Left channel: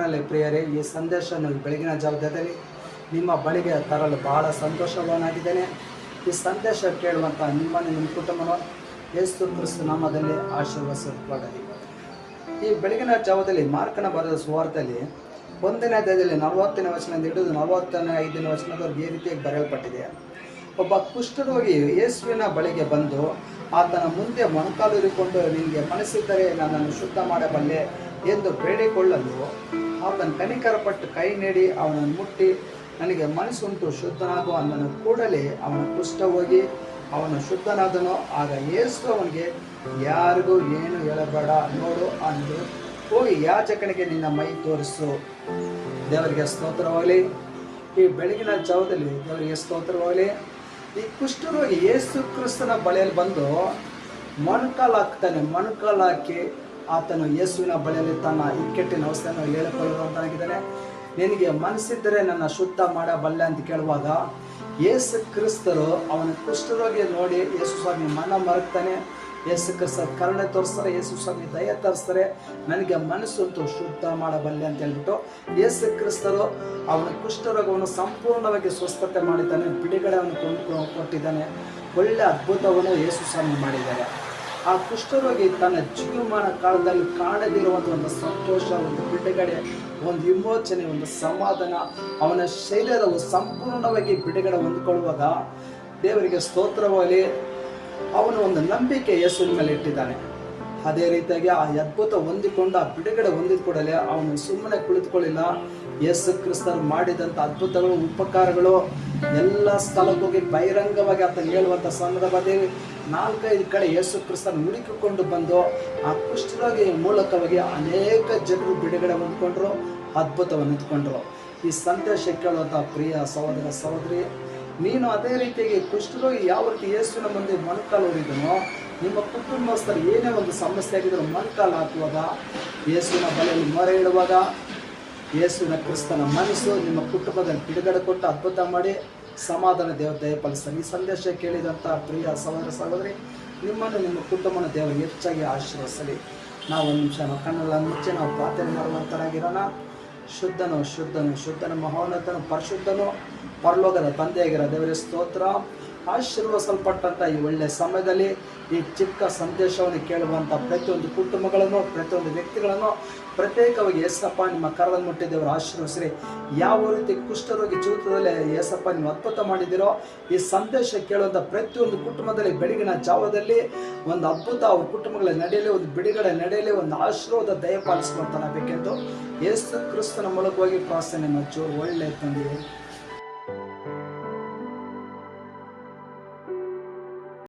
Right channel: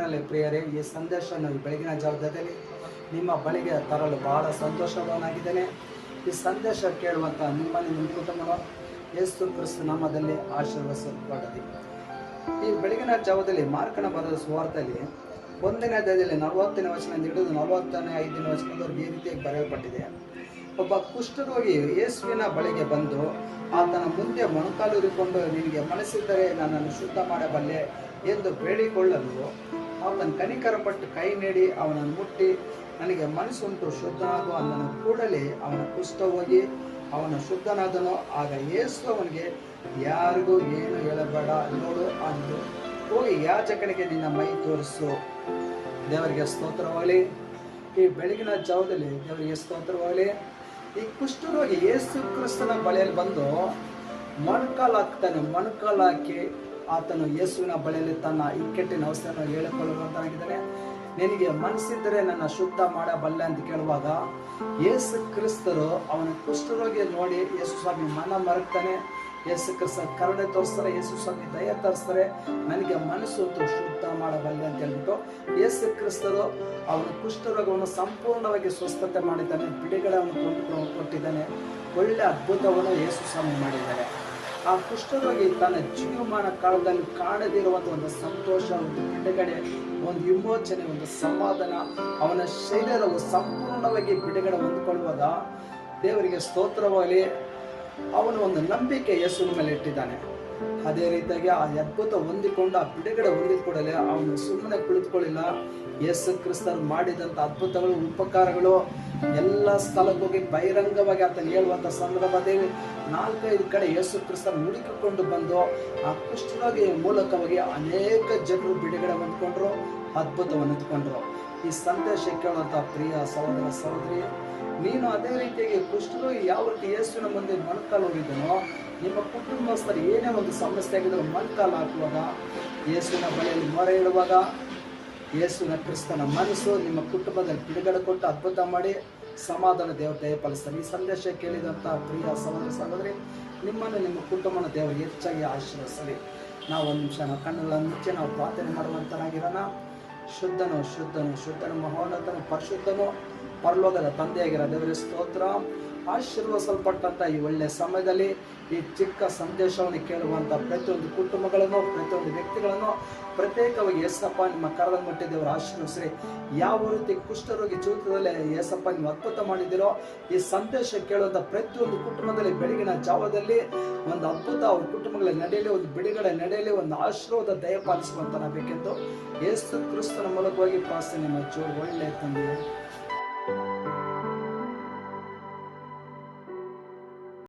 ಕರ್ತನಲ್ಲಿ ಪ್ರಿಯರೇ, ಈ ಸಂದೇಶವನ್ನು ಬೆಳಗಿನ ಜಾವದಲ್ಲಿ ನಿಮ್ಮ ಬಳಿಗೆ ತರಲು ಬಹಳ ಸಂತೋಷವನ್ನಾಗಿದ್ದೇನೆ ಈ ಸಂದೇಶ ಕೇಳುವಂಥ ನಿಮ್ಮ ನಿಮ್ಮ ಕುಟುಂಬವನ್ನು ಯೇಸು ಕ್ರಿಸ್ತು ನಾಮದಲ್ಲಿ ಆಶೀರ್ವದಿಸಲ್ಪಡಲಿ. ಈ ಬೆಳಗಿನ ಜಾವದಲ್ಲಿ ಮಾರ್ಕಣ ಬರೆದ ಸುವಾರ್ತೆಯಲ್ಲಿ ಒಂದನೇ ಅಧ್ಯಾಯದಲ್ಲಿ ನಲವತ್ತನೇ ವಚನದಿಂದ ಹಿಡಿದು ನಲವತ್ತನೇ ಐದನೇ ವಚನದವರೆಗೆ ಈ ರೀತಿಯಾಗಿ ಬರೆಯಲ್ಪಟ್ಟಿದೆ. ಒಬ್ಬ ಕುಷ್ಠರೋಗಿ ಯೇಸುವಿನ ಬಳಿಗೆ ಬಂದು, ಆತನ ಮುಂದೆ ಮೊಣಕಾಲೂರಿಕೊಂಡು ನಿನಗೆ ಮನಸ್ಸಿದ್ದರೆ ನನ್ನನ್ನು ಶುದ್ಧ ಮಾಡಬಲ್ಲೆ ಎಂದು ಬೇಡಿಕೊಳ್ಳಲು ಆತನ ಕನಿಕರಪಟ್ಟು ಕೈ ನೀಡಿ ಅವನನ್ನು ಮುಟ್ಟಿ, ನನಗೆ ಮನಸ್ಸುಂಟು ಶುದ್ಧನಾಗುವ ಅಂದನು. ಕೂಡಲೇ ಅವನು ಕುಷ್ಠ ಹೋಗಿ ಅವನು ಶುದ್ಧನಾದನು. ಆಗ ಯೇಸು ಅವನಿಗೆ, ಯಾರಿಗೂ ಏನು ಹೇಳಬೇಡ, ನೋಡು ಅಂದರು ಹೋಗಿ ಯಾಚಕನಿಗೆ ನಿನ್ನ ಮೈ ತೋರಿಸು. ದೇವರಿಗೆ ಸ್ತೋತ್ರವಾಗಲಿ. ಈ ಬೆಳಗಿನ ಜಾವದಲ್ಲಿ ದೇವರಿಗೆ ಸ್ತೋತ್ರವಾಗಲಿ. ಈ ಕುಷ್ಠರೋಗಿ ಯೇಸು ಕ್ರಿಸ್ತನ ಬಳಿಯಲ್ಲಿ ಬಂದು ಮೊಣಕಾಲು ಹಾಕ್ತಾನೆ ಮೊಣಕಾಲು ಆತನು ಯೇಸುವಿನ ಬಳಿಯಲ್ಲಿ ತನ್ನ ಇಕ್ಕಟ್ಟಿನ ಅವಸ್ಥೆಯನ್ನು ಹೇಳಿಕೊಳ್ಳುವಂತಾಗಿದ್ದಾರೆ. ನಿನಗೆ ಮನಸ್ಸಿದ್ದರೆ ನನ್ನ ಶುದ್ಧ ಮಾಡಬಲ್ಲೆ ಅಂತ ಕೇಳುವಾಗ ಯೇಸು ಕ್ರಿಸ್ತರು ಅವನ ಕುಷ್ಠರೋಗಿ ನೋಡಿ ಯೇಸು ಸ್ವಾಮಿ ಮನ ಮರಗ್ತಾನೆ. ಯೇಸು ಕ್ರಿಸ್ತ ಕರುಣೆ ತೋರಿಸ್ತಾರೆ, ಯೇಸು ಸ್ವಾಮಿ ದಯ ತೋರಿಸ್ತಾರೆ, ನನಗೆ ಮನಸ್ಸು ಶುದ್ಧ ಮಾಡಬಲ್ಲೆ ಅಂತ ಹೇಳ್ಬಿಟ್ಟು ಯೇಸು ಕ್ರಿಸ್ತರು ಅವನ ಕುಷ್ಠರೋಗವನ್ನು ಸಂಪೂರ್ಣವಾಗಿ ಸ್ವಸ್ಥತೆ ಮಾಡಿದ್ದಾನೆ, ಬಿಡುಗಡೆಯನ್ನು ಕೊಟ್ಟಿದ್ದಾನೆ, ಒಳ್ಳೆ ಅದ್ಭುತವನ್ನು ಯೇಸು ಸ್ವಾಮಿ ಮಾಡಿದ್ದಾನೆ. ಆ ಕುಷ್ಠರೋಗಿ ತನ್ನ ಜೀವಮಾನ ಕಾಲದಲ್ಲಿ ಕಾಣದಿರುವಂಥ ಒಂದು ಸಂತೋಷ, ಒಂದು ಬಿಡುಗಡೆ, ಒಂದು ವಿಮೋಚನೆ, ಒಂದು ಸಮಾಧಾನ, ಅವನ ಶರೀರವು ಸಂಪೂರ್ಣವಾಗಿ ಬಿಡುಗಡೆ ಹೊಂದ್ಕೊಳ್ಳುವಾಗ ದೇವರಿಗೆ ಸ್ತೋತ್ರವಾಗಿ ಅವನ ಒಂದು ನಂಬಿಕೆ ಯೇಸುವಿನ ಮೇಲೆ ಇಟ್ಟಿದ್ದಾನೆ. ಅದೇ ರೀತಿಯಾಗಿ ಆ ಅದ್ಭುತ ಹೊಂದಿಕೊಂಡು ಆ ಬಿಡುಗಡೆ ಹೊಂದಿದ ಕೂಡಲೇ ಅವನು ಸುಮ್ಮನೆ ಕುಳಿತುಕೊಳ್ಳಿಲ್ಲ. ಯೇಸು ಕ್ರಿಸ್ತರು ಮಾಡಿದಂಥ ಅದ್ಭುತಗಳು, ಉಪಕಾರಗಳು ಎಲ್ಲ ಸ್ಥಳಕ್ಕೋಗಿ ಬಹಿರಂಗವಾಗಿ ಆತನು ಹೇಳುವಂಥ ಸಂದರ್ಭದಲ್ಲಿ ನಾಲ್ಕೈದು ಕಡೆ ಯೇಸು ಕ್ರಿಸ್ತನ ಹುಡುಕಿಕೊಂಡು ಬಂದು ಆ ಕುಷ್ಠರೋಗಿಯ ಮೂಲಕವಾಗಿ ಅನೇಕ ಜನರು ಬಿಡುಗಡೆ ಹೊಂದ್ಕೊಂಡ್ರು, ಅದ್ಭುತವನ್ನು ಹೊಂದ್ಕೊಂಡ್ರು. ಈ ಸಂದೇಶ ಕೇಳುವಂಥ ಪ್ರಿಯ ಸಹೋದರ ಸಹೋದರಿ ನೀನು ಅದೇ ರೀತಿಯಾಗಿ ಕುಷ್ಠರೋಗಿ ಯಾವ ರೀತಿ ಯೇಸುವಿನ ಮುಂದೆ ಮೊಣಕಾಲು ಹೋಗಿದ್ದನೋ ನಿಮ್ಮ ಕುಟುಂಬಸ್ಥರು ಏನೇ ಒಂದು ಸಮಸ್ಯೆ ಆಗಿದ್ರು ಮೊಣಕಾಲು ಹಾಕುವಾಗ, ಯೇಸುವಿನ ಬಳಿಯಲ್ಲಿ ಮೊರೆ ಇಡುವಾಗ ಯೇಸುವಿನ ಕ್ರಿಸ್ತನ ಮನಸ್ಸು ನಿಮ್ಮ ಕುಟುಂಬದಲ್ಲಿ ಬಿಡುಗಡೆ ಕೊಟ್ಟು ಅದ್ಭುತ ಮಾಡಿ, ಸಮಾಧಾನ ದೇವರು ದಯಪಾಲಿಸ್ತಾರೆ. ಈ ಸಂದೇಶ ಕೇಳಿದಂಥ ಪ್ರಿಯ ಸಹೋದರ ಸಹೋದರಿ, ನಿಮ್ಮನ್ನು ನಿಮ್ಮ ಕುಟುಂಬನ ದೇವರು ಹೆಚ್ಚಾಗಿ ಆಶೀರ್ವದಿಸಲಿ. ನಾವು ಒಂದು ನಿಮಿಷ ಕಣ್ಣುಗಳನ್ನು ಮುಚ್ಚಿ, ನಾವು ಪ್ರಾರ್ಥನೆ ಮಾಡುವಂತರಾಗಿರೋಣ. ಶುದ್ಧನು ಶುದ್ಧನು ಶುದ್ಧನು ಮಹೋನ್ನತನು ಪರಿಶುದ್ಧನು ಪರಲೋಕದ ತಂದೆಯಾಗಿರೋ ದೇವರಿಗೆ ಸ್ತೋತ್ರ. ಆಶೀರ್ವಸಲ್ಪಟ್ಟಂಥ ಈ ಒಳ್ಳೆಯ ಸಮಯದಲ್ಲಿ ಈ ಚಿಕ್ಕ ಸಂದೇಶವನ್ನು ಕೇಳುವಂಥ ಪ್ರತಿಯೊಂದು ಕುಟುಂಬಗಳನ್ನು, ಪ್ರತಿಯೊಂದು ವ್ಯಕ್ತಿಗಳನ್ನು ಪ್ರತ್ಯೇಕವಾಗಿ ಯಸಪ್ಪ ನಿಮ್ಮ ಕರದಲ್ಲಿ ಮುಟ್ಟಿದ್ದೇವರು ಆಶೀರ್ವಸಿರಿ ಯಾವ ರೀತಿ ಕುಷ್ಠರೋಗಿ ಜೀವಿತದಲ್ಲಿ ಏಸಪ್ಪ ನೀವು ಅದ್ಭುತ ಮಾಡಿದಿರೋ ಈ ಸಂದೇಶ ಕೇಳುವಂಥ ಪ್ರತಿಯೊಂದು ಕುಟುಂಬದಲ್ಲಿ ಬೆಳಗಿನ ಜಾವದಲ್ಲಿ ಒಂದು ಅದ್ಭುತ ಅವ್ರ ಕುಟುಂಬಗಳ ನಡೆಯಲಿ ಒಂದು ಬಿಡುಗಡೆ ನಡೆಯಲಿ ಒಂದು ಆಶೀರ್ವಾದ ದಯಪಾಲಿಸುವಂತ ಬೇಕೆಂದು ಯೇಸು ಕ್ರಿಸ್ತನ ಮೂಲಕವಾಗಿ ಪ್ರಾರ್ಥನೆ ಮುಚ್ಚು ಒಳ್ಳೆ ತಂದೆ